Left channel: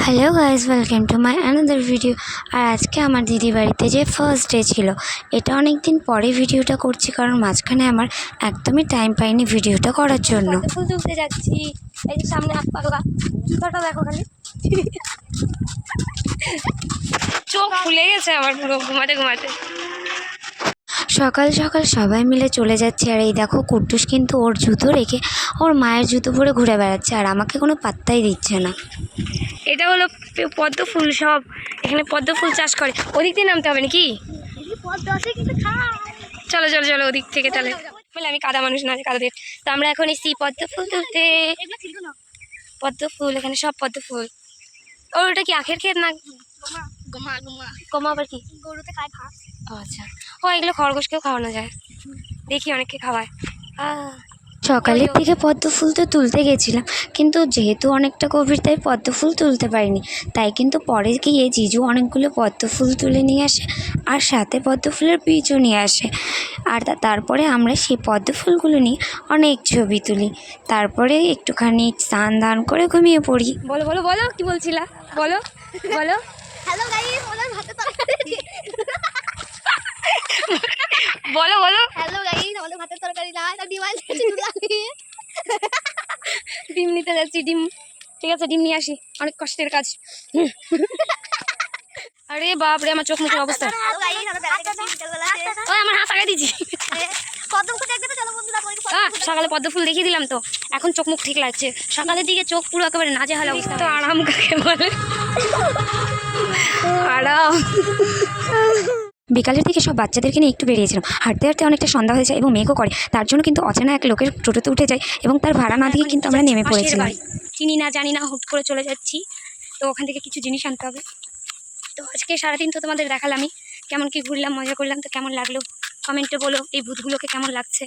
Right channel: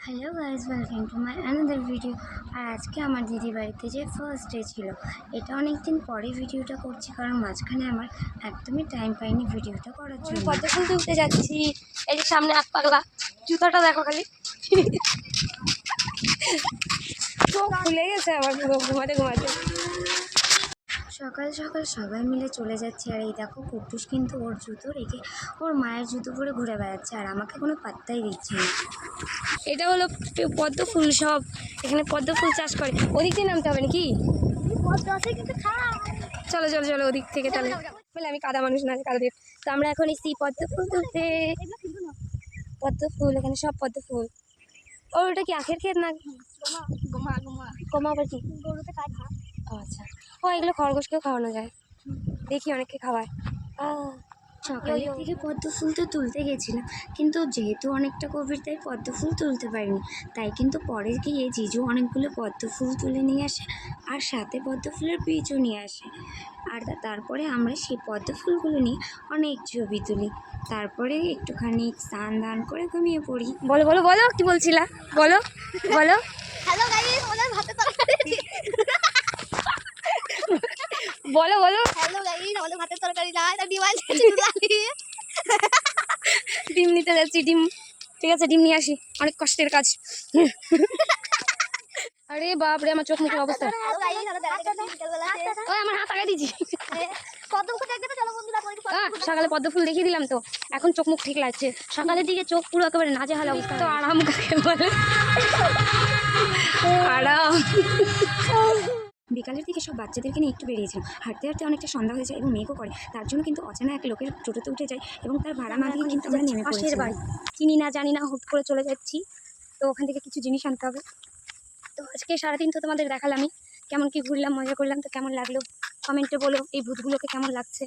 Hello guys, welcome to my another video. আর আজকে আমার দিদি বাড়িতে যে ফার্স্ট ডে ছিল, এটা অনেক দিন পরে ভিডিওটা করছি, কারণ মাঝখানে আমার একদমই টাইম পাইনি ভিডিওটা করার জন্য। ফুল তুলতে যাচ্ছি, এই যে সামনে এক পাগলা, জুতাটা দেখো খালি, চোখ ফুলে গেছে আমার পুরো ঘুমাতে ঘুমাতে। সকাল সকাল সবাই মিলে চলে যাচ্ছে, আর এই দেখো কুট্টুস কিন্তু ওর জুতো রেখে ওর মায়ের জুতো পরে ঘুরে বেড়াচ্ছে, আর আমাকে কোনো পাত্তাই দিচ্ছে না। এটা হলো পদ্ম ফুল, সব এখানে পদ্ম ফুল চাষ করে। ওদিক দিয়ে নামতে হবে নাকি? চলো চলো চলো ওদিক থেকে, তাহলে বলে আমি কাদা মানুষ না, কাদা দিয়ে। তো আমরা এখন এসেছি পদ্ম ফুল তুলতে। পদ্ম ফুল, এখানে সব পদ্ম ফুল। ওটা কি আখের ক্ষেত না? গমা আবার কি? গরুতে খায় ঘাস। ও আচ্ছা, ও এগুলো খরগোশকেও খাওয়ানো যায়, দেখি অনেককে খাওয়ায়। সকালের দিকে পদ্ম ফুল তো তুলতে গেছিলাম, কিন্তু যেহেতু অনেকটা গভীর তাই পদ্ম ফুল তুলতে পারিনি। তাই কিন্তু পরে গিয়ে জিজু অনেকগুলো পদ্ম ফুল তুলে নিয়ে আসে, আর সাথে পদ্ম ফুলের বীজও নিয়ে আসে। আর তারপরে আমরা সেই পদ্ম ফুলগুলো নিয়ে অনেক ছবি তুলি, তারপরে একটুখানি স্নান দান করে ঘুমিয়ে পড়ি। বলো বলো বলো, কি বলছিলা? বলো বলো। হ্যালো গাইস, ওদের ভাতে তরকারি। বলো বলো। হ্যালো গাইস, আমাদের ভাতের তরকারি না, এটা ডিম আছে। ডিম নিতে যাচ্ছি, ডিম। ঠিক আছে, ডিম নিয়ে আসি, অনেক কষ্টের কাজ। আরে বাপ রে, আমার চোখ মুখের অবস্থা। হ্যালো গাইস, আমরা বেড়াতে গেছি বিকেলবেলাতে। ওই আমার হাত আগাই দিয়েছি। পদ্ম ফুল দেখতে চলো বন্ধুরা, সকালে পদ্ম ফুল দেখিয়ে দিলাম, তো এখন চোখ মুখ ঠিক লাগছে। সকালের দিকে চোখ পুরো একেবারে নাজেহাল অবস্থা। তো আরাম কাকে বলে? আরাম। বিকালের দিকে সব বাচ্চাদেরকে নিয়ে একটু বেরিয়েছিলাম, হাঁটতে হাঁটতে অনেকটা সন্ধ্যা হয়ে যায় এবং মেঘও করে। তার জন্য কিন্তু অচেনা এক লোকের টোটোতে উঠে যায় এবং তার ভাড়া না দিয়ে কিন্তু আমরা নেমে পড়েছিলাম। চিনি না জানি না, হুট করে চলে যাচ্ছি, তো ওখান থেকে কিছু জিনিস আনতে হবে। তো আজকে সারাদিন তো তোমাদের দেখালামই কেমন কি ঘুরলাম, মজা করলাম। তো কেমন লাগলো কমেন্টে বলো, এই ভূতগুলোকে কেমন লাগছে।